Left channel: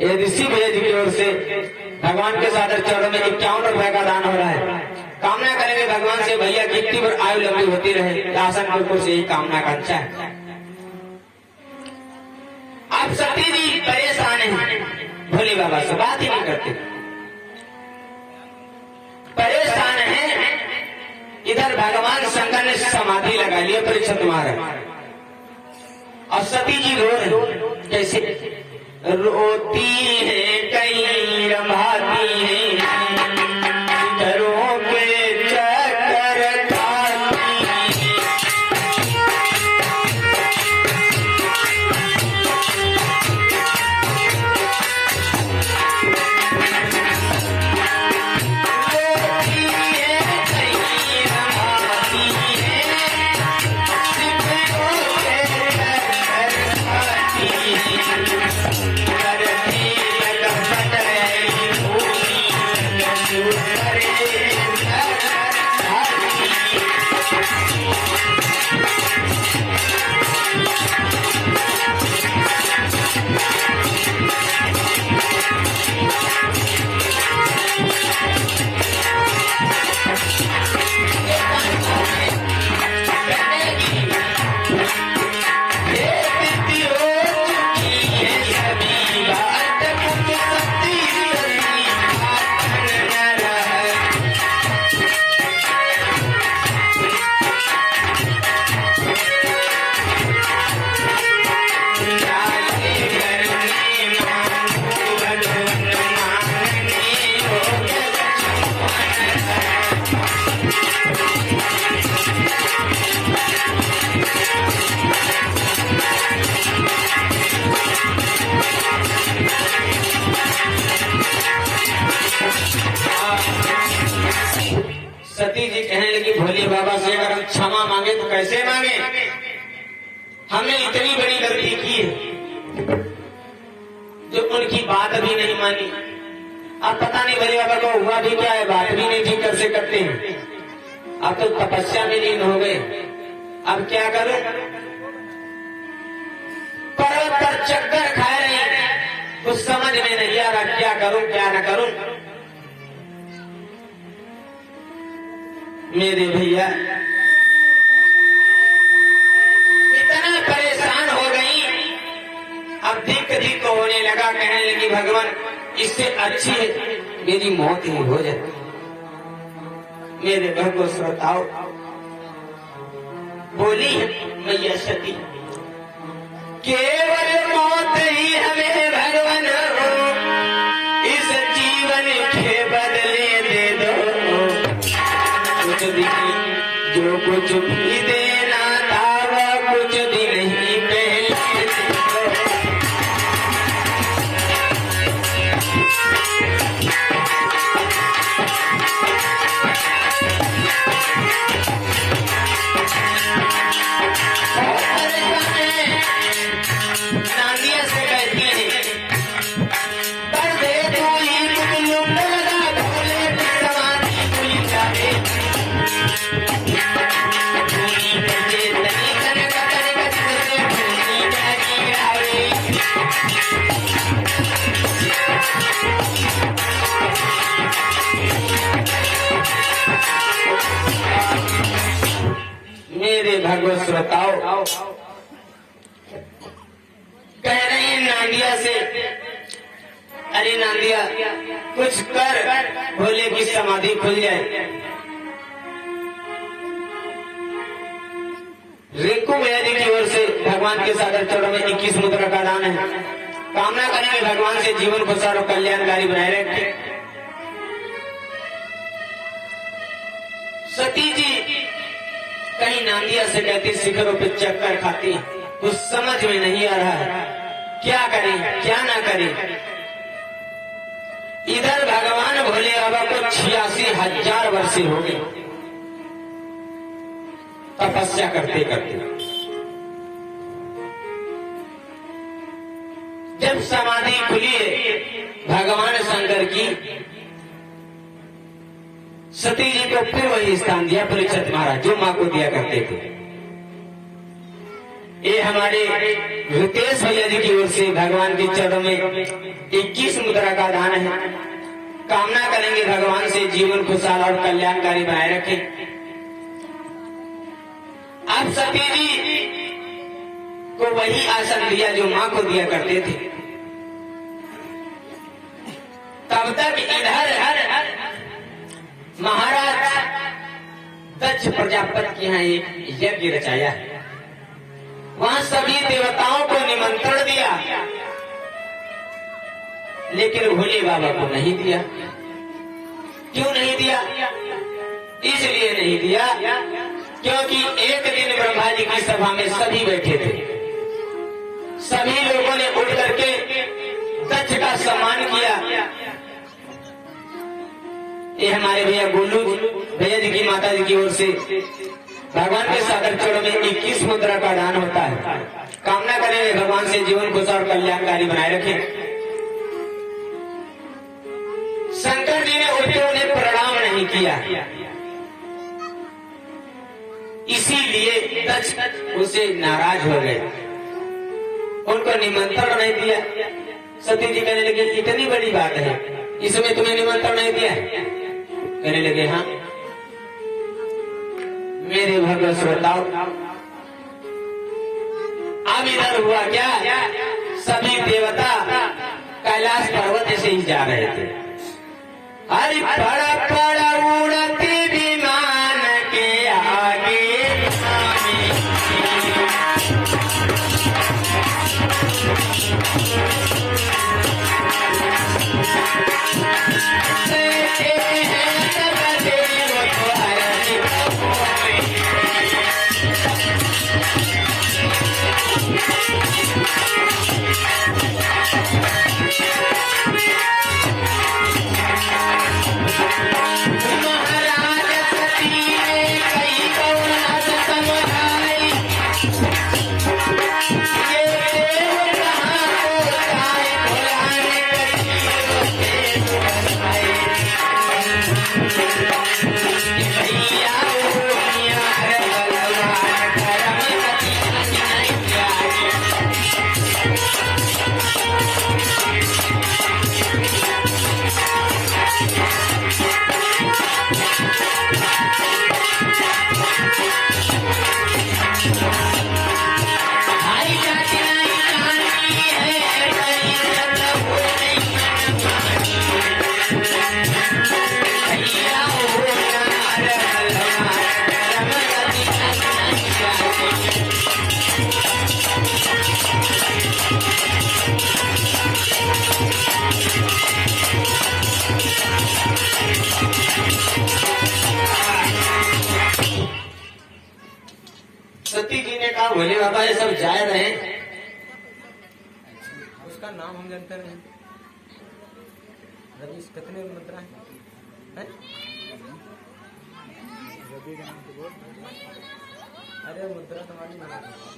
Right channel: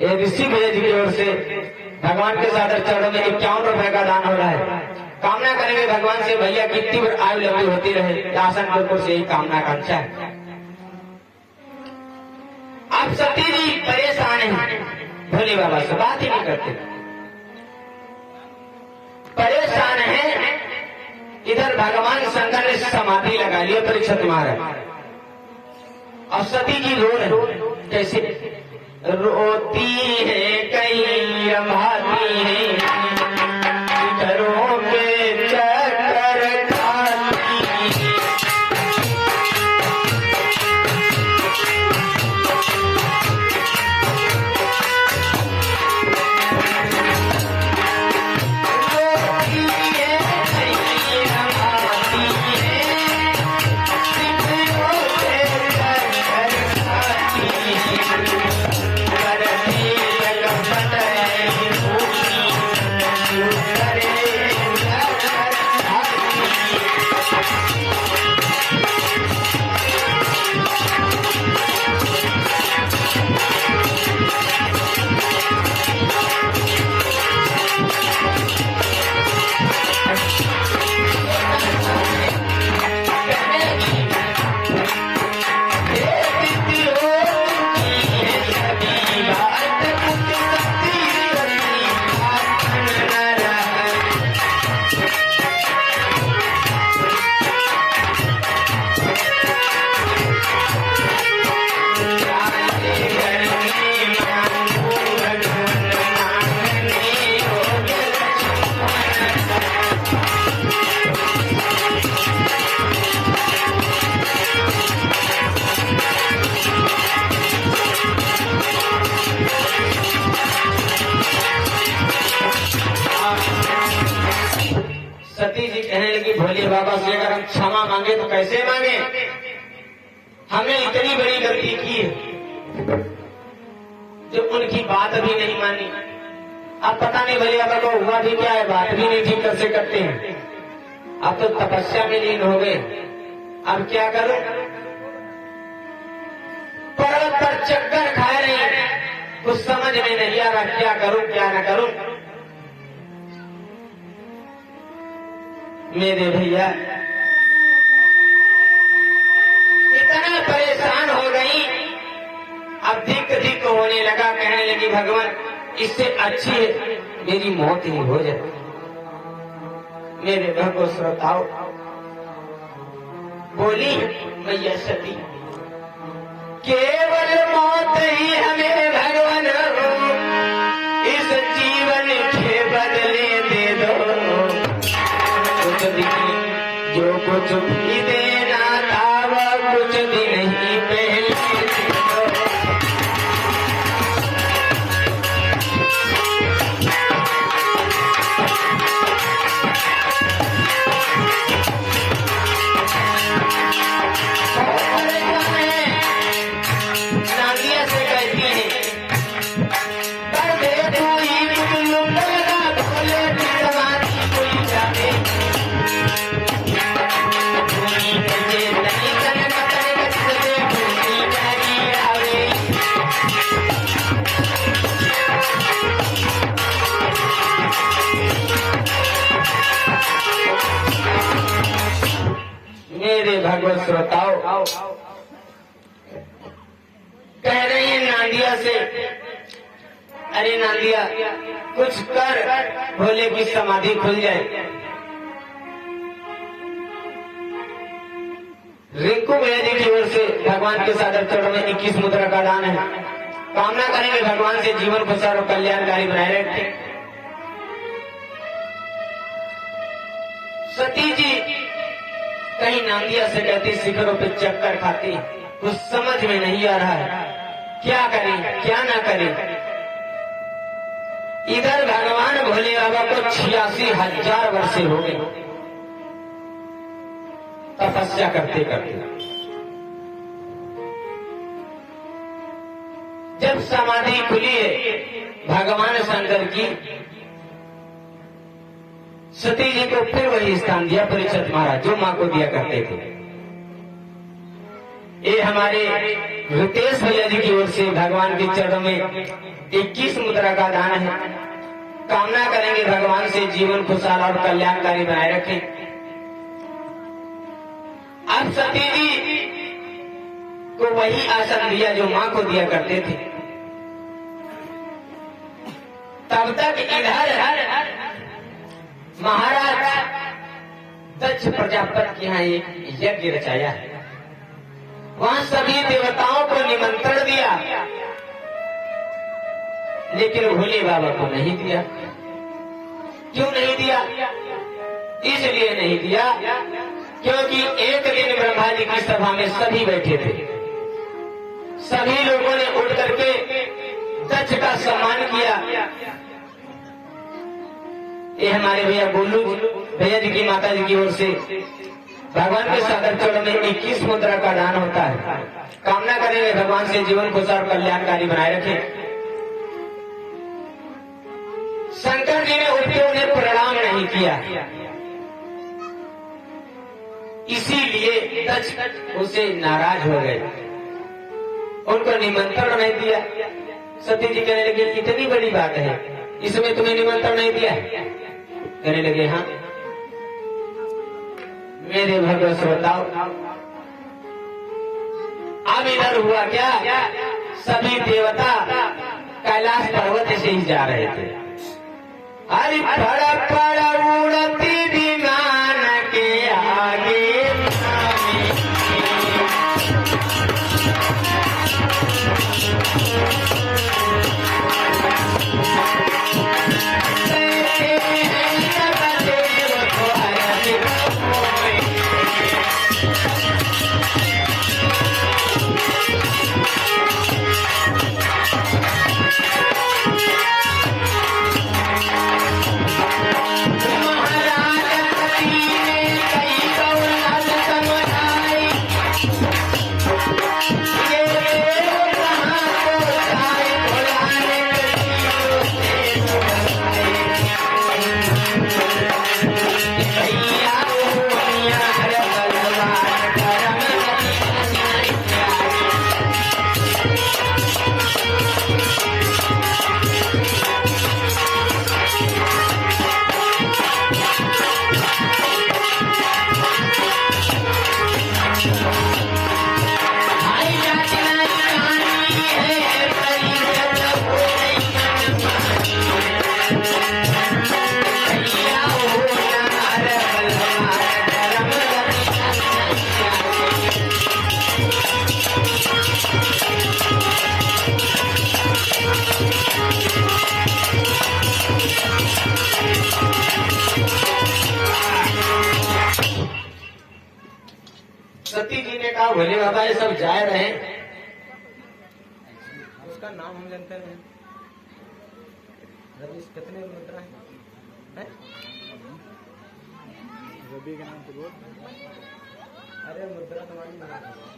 ये ऋषि भेद की ओर से भगवान के सादर चरण में 51 रुपए का दान हो रहा है। कामना करेंगे भगवान से भैया कितनी बार आयु लंबी होती रहे, दासन के ऊपर से यही कामना का अच्छा है। आप सती जी परेशान हैं, भोले बाबा से बात ही नहीं करते, परेशान है। इधर भगवान शंकर ने समाधि लगा ली परीक्षित महाराज, और सती जी रो रहे। कैसे रोती है कहीं रमाती है, घरों के चक्कर खाती है। सती जी कहने लगी भोले बाबा से अगर हम क्षमा मांगे तो कैसे मांगे, हमने इतनी बड़ी गलती की है जो उनकी बात भी नहीं मानी। अब पता नहीं भोले बाबा को हुआ भी क्या है, बात भी नहीं ठीक से करते हैं। अब तो तपस्या में लीन हो गए, अब क्या करूं, पर्वत पर चक्कर खा रहे हैं, कुछ समझ में नहीं आ रहा क्या करूं क्या न करूं। मेरे भैया इतना परेशान हो गई, अब दिक दिक होने लगा, कहने लगी भगवान इससे अच्छी है मेरी मौत ही हो जाए। मेरे भगवान श्रोताओं, बोली मैया सती केवल मौत ही हमें भगवान इस जीवन के बदले दे दो, जो कुछ भी देना था वह कुछ दिन ही पहले। नादिया से कहती है पर देखो भोले की समाधि कोई जाने मेरे भगवत श्रोताओ, कह रही है नांदिया से, अरे नांदिया कुछ कर भोले की समाधि खुल जाए। रिंकू मैया की ओर से भगवान के सादर चरणों में 21 मुद्रा का दान है। कामना करेंगे भगवान से जीवन खुशहाल और कल्याणकारी बनाए रखे। सती जी कहीं नांदिया से कहती शिखरों पे चक्कर खाती, कुछ समझ में नहीं आ रहा है क्या करें क्या ना करें। इधर भगवान भोले बाबा को 86,000 वर्ष हो गए तपस्या करते करते। जब समाधि खुली है भगवान शंकर की, सती जी को फिर वही स्थान दिया परीक्षित महाराज जो मां को दिया करते थे। ये हमारे रितेश भैया जी की ओर से भगवान के चरणों में 21 मुद्रा का दान है। कामना करेंगे भगवान से जीवन खुशहाल और कल्याणकारी बनाए रखें। अब सती जी को वही आसन दिया जो मां को दिया करते थे। तब तक इधर महाराज दक्ष प्रजापति के यहाँ एक यज्ञ रचाया है। वहां सभी देवताओं को निमंत्रण दिया, लेकिन भोले बाबा को नहीं दिया। क्यों नहीं दिया? इसलिए नहीं दिया क्योंकि एक दिन ब्रह्मा जी की सभा में सभी बैठे थे। सभी लोगों ने उठ करके दक्ष का सम्मान किया। ये हमारे भैया गोलू भैया जी की माता जी की ओर से भगवान के सागर चरण में 21 मुद्रा का दान होता है। कामना करेंगे भगवान से जीवन खुशहाल और कल्याणकारी बनाए रखें। शंकर जी ने उठे उन्हें प्रणाम नहीं किया, इसीलिए दक्ष उसे नाराज हो गए, उनको निमंत्रण नहीं दिया। सती जी कहने लगे इतनी बड़ी बात है, इसमें तुम्हें निमंत्रण नहीं दिया? कहने लगे हाँ। मेरे भव्य श्रोताओं, अब इधर हुआ क्या, सभी देवता कैलाश पर्वत से ही जा रहे थे। अरे पड़ उड़ती विमान के आगे सती जी ने कहा भोले बाबा ये सब जा रहे हैं, उसका नाम हम जानते नहीं। रवीश कितने मुद्रा है? अरे मुद्रा तुम्हारी मुद्रा कितनी?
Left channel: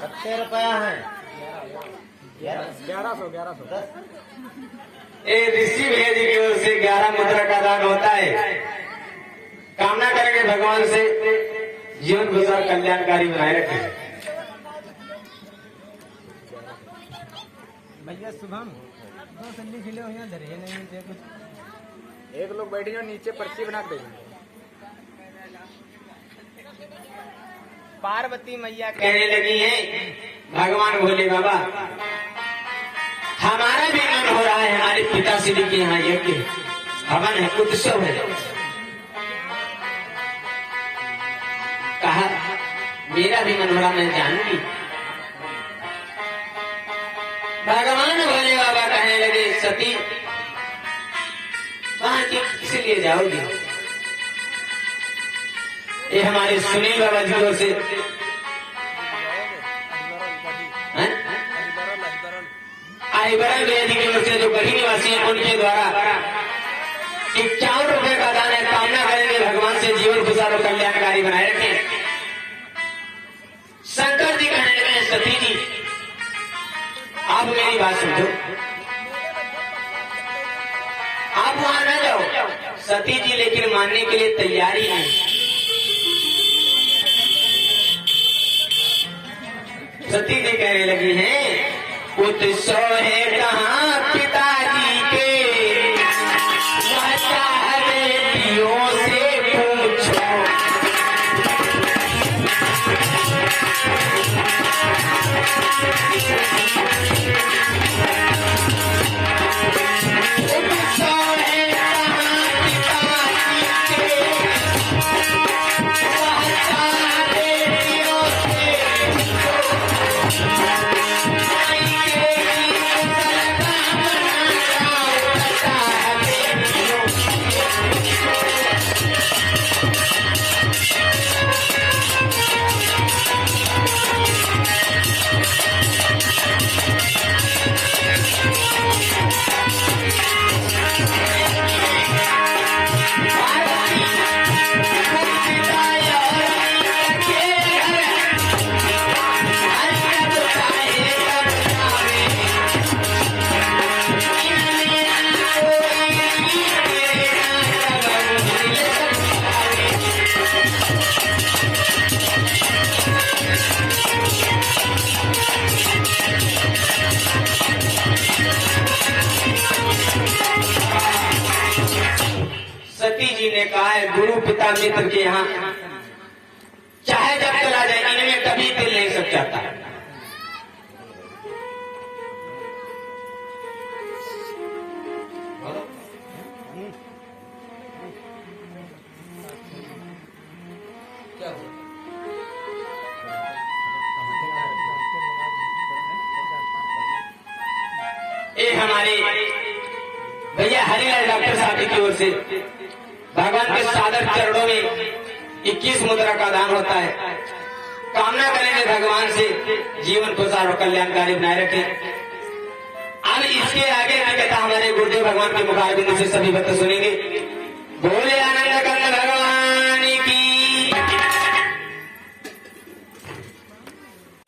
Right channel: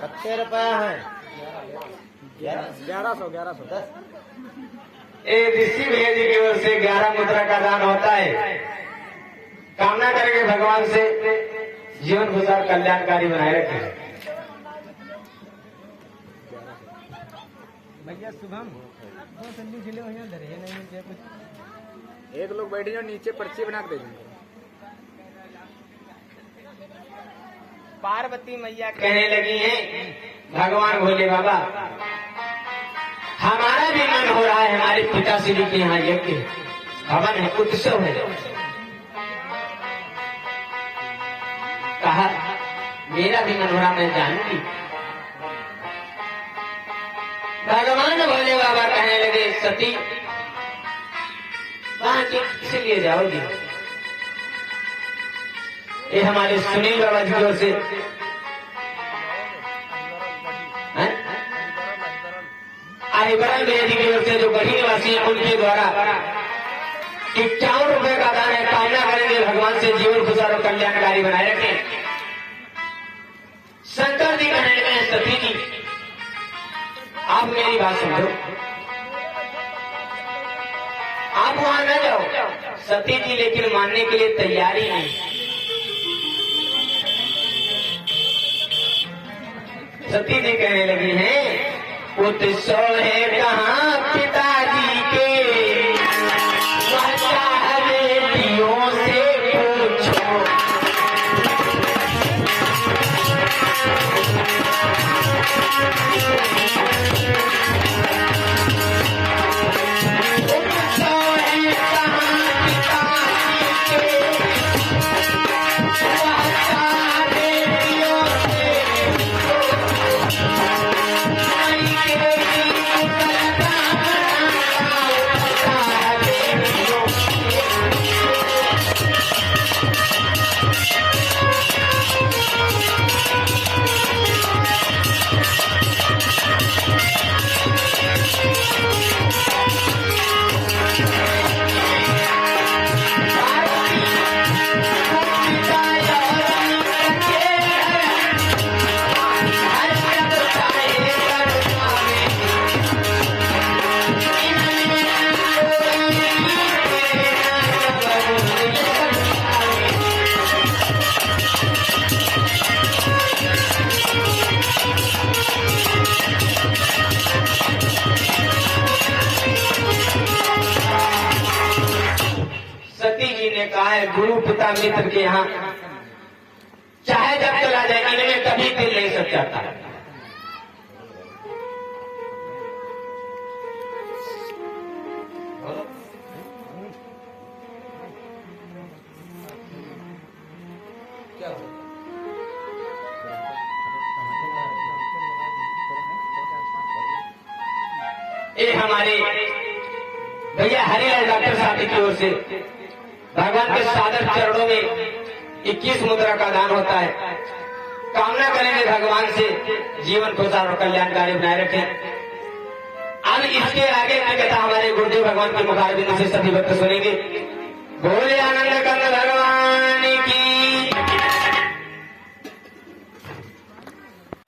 70 रुपया है। 1100 ऋषि भैया जी की ओर से 11 मुद्रा का दान होता है। कामना करेंगे भगवान से जीवन गुजार कल्याणकारी बनाए रखे। भैया शुभम 2 सन्नी खिले हो यहाँ धरे नहीं मिलते कुछ। एक लोग बैठ जाओ नीचे पर्ची बना के देंगे। पार्वती मैया कहने लगी है भगवान भोले बाबा, हमारा भी मन हो रहा है हमारे पिताश्री के यहाँ यज्ञ हवन है, उत्सव है। कहा मेरा भी मन हो रहा, मैं जानूंगी। भगवान भोले बाबा कहने लगे सती वहां किस लिए जाओगी? ये हमारे सुनील बाबा जी की ओर से आईबरा भैया जी की ओर से जो गरीब निवासी है उनके द्वारा 51 रुपए का दान है। कामना करेंगे भगवान से जीवन खुशहाल और कल्याणकारी बनाए रखें। शंकर जी कहने लगे हैं सती जी आप मेरी बात समझो, वहां न जाओ। सती जी लेकिन मानने के लिए तैयारी नहीं। सती जी कहने लगी हैं उत्सव है कहाँ पिताजी के, वह चाहे बेटियों से पूछो। सती जी ने कहा है गुरु पिता मित्र के यहाँ चाहे जब चला जाए, इनमें कभी दिल नहीं सच जाता। क्या हुआ? ये हमारे भैया हरिलाल डॉक्टर साहब की ओर से भगवान के सादर चरणों में 21 मुद्रा का दान होता है। कामना करेंगे भगवान से जीवन को सारो कल्याणकारी बनाए रखें। अब इसके आगे की कथा हमारे गुरुदेव भगवान के मुखारबिंद से सभी भक्त सुनेंगे।